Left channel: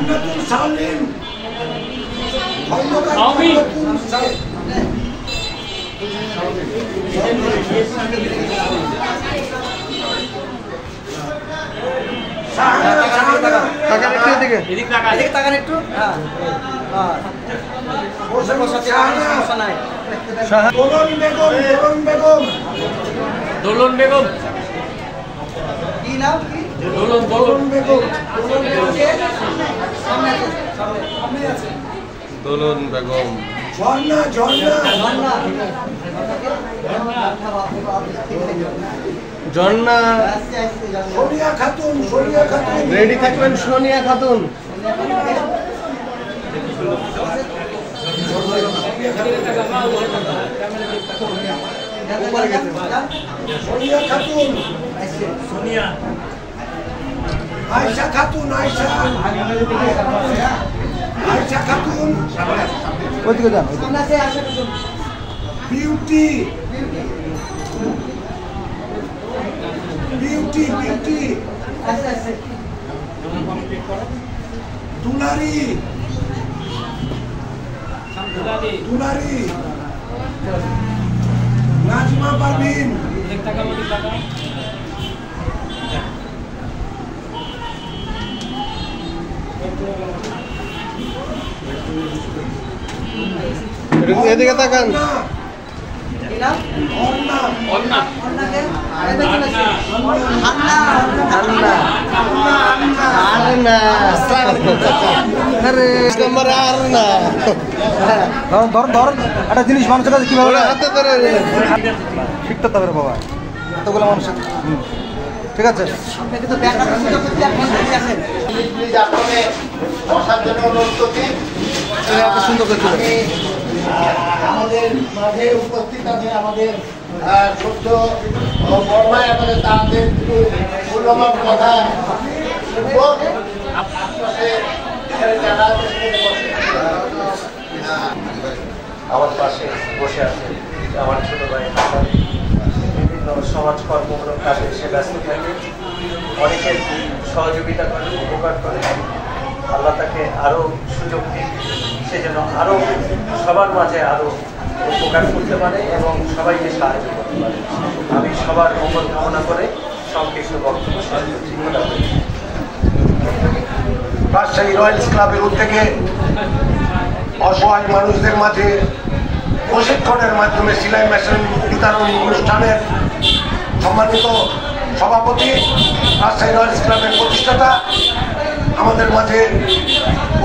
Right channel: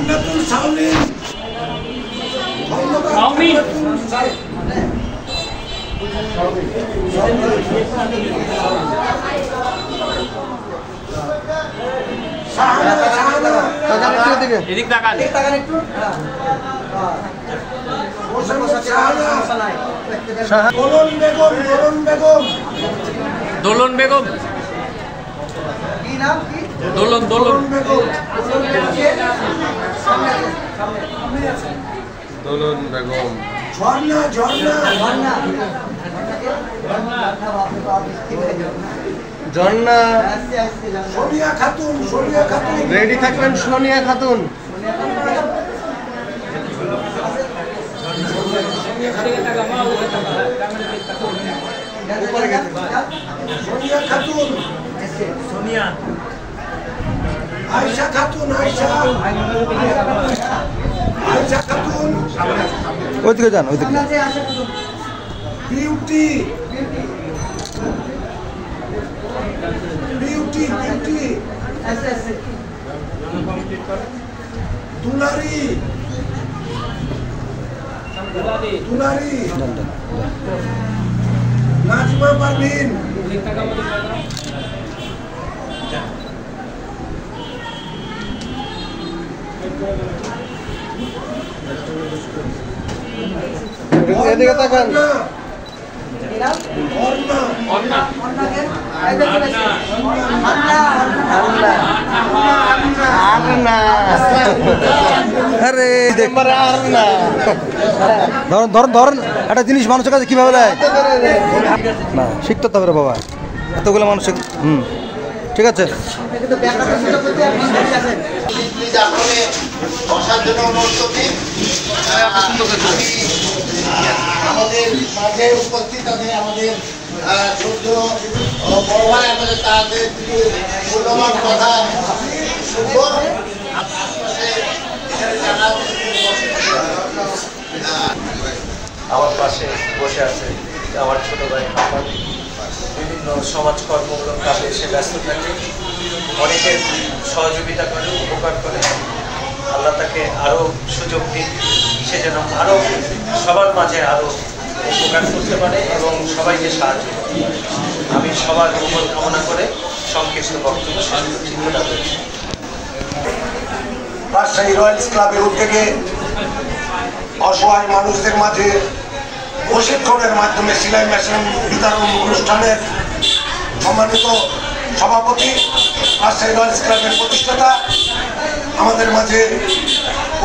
জান্নাতুল Shaolin Khandakar দোলন বেগম কি নাম কি দোলন বেগম দোলন বেগম ঝর্ণা জন্না সোনিয়া খাতুন রেডি থাকবেন সোনিয়া খাতুন আয়শা খাতুন ওইদিকে যান বিউটি দুলারি নাজমা পারভিন এদিকে তাকান ধর একটা জিনিস মানুষের কাছে কিভাবে শিখতে হবে বাবা এতগুলো মানুষ ঠিক আছে আমাদের মাঝে উপস্থিত আছে আমাদের ছোট্ট বড় ভাই আমাদের তাদের মূল্যবান কথা শুনবো। আমার পাশে বসে আছে আমার ছোট ভাই হাসান বিভিন্ন সমাজ কর্মমূলক কাজে এসে ব্যস্ত থাকে অনেকের সহযোগিতা করে উপকার করে আল্লাহ তাকে আরও সুযোগ দিন সে যেন আরও সবার মাঝে আরও উপকার করতে পারে এবং সবাইকে সাহায্য করতে পারে আমি সবার মঙ্গল কামনা করে সংক্ষিপ্ত বক্তব্য শেষ করছি। রাজশাহী রয়্যালস ক্লাবের উদ্যোগে অসহায় মানুষদের মাঝে প্রশিক্ষণের মাধ্যমে সেলাই মেশিন বিতরণ অনুষ্ঠানের সম্মানিত সভাপতি রাজশাহী রয়্যালস ক্লাবের প্রতিষ্ঠাতা আমাদের মাঝে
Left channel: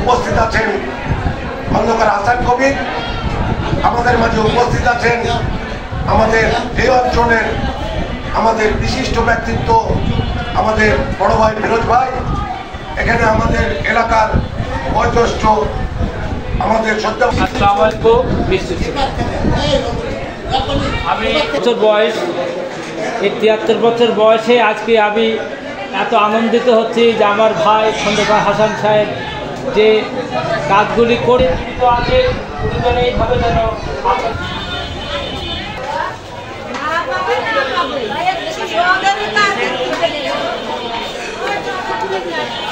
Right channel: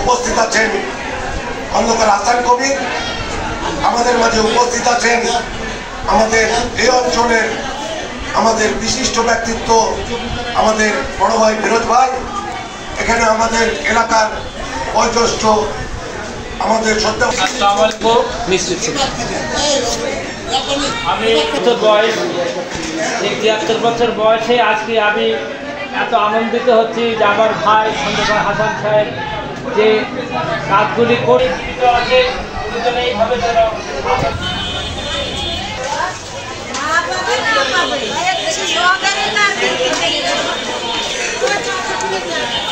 উপস্থিত আছেন খন্দকার হাসান কবির, আমাদের মাঝে উপস্থিত আছেন আমাদের এই অঞ্চলের আমাদের বিশিষ্ট ব্যক্তিত্ব আমাদের বড় ভাই ফিরোজ ভাই, এখানে আমাদের এলাকার বয়োজ্যেষ্ঠ আমাদের শ্রদ্ধা। আসসালামু আলাইকুম আমি বয়স 73 বছর বয়সে আজকে আমি এত আনন্দিত হচ্ছি যে আমার ভাই খন্দকার হাসান সাহেব যে কাজগুলি করে আছে দুজনে এইভাবে যেন Ayo,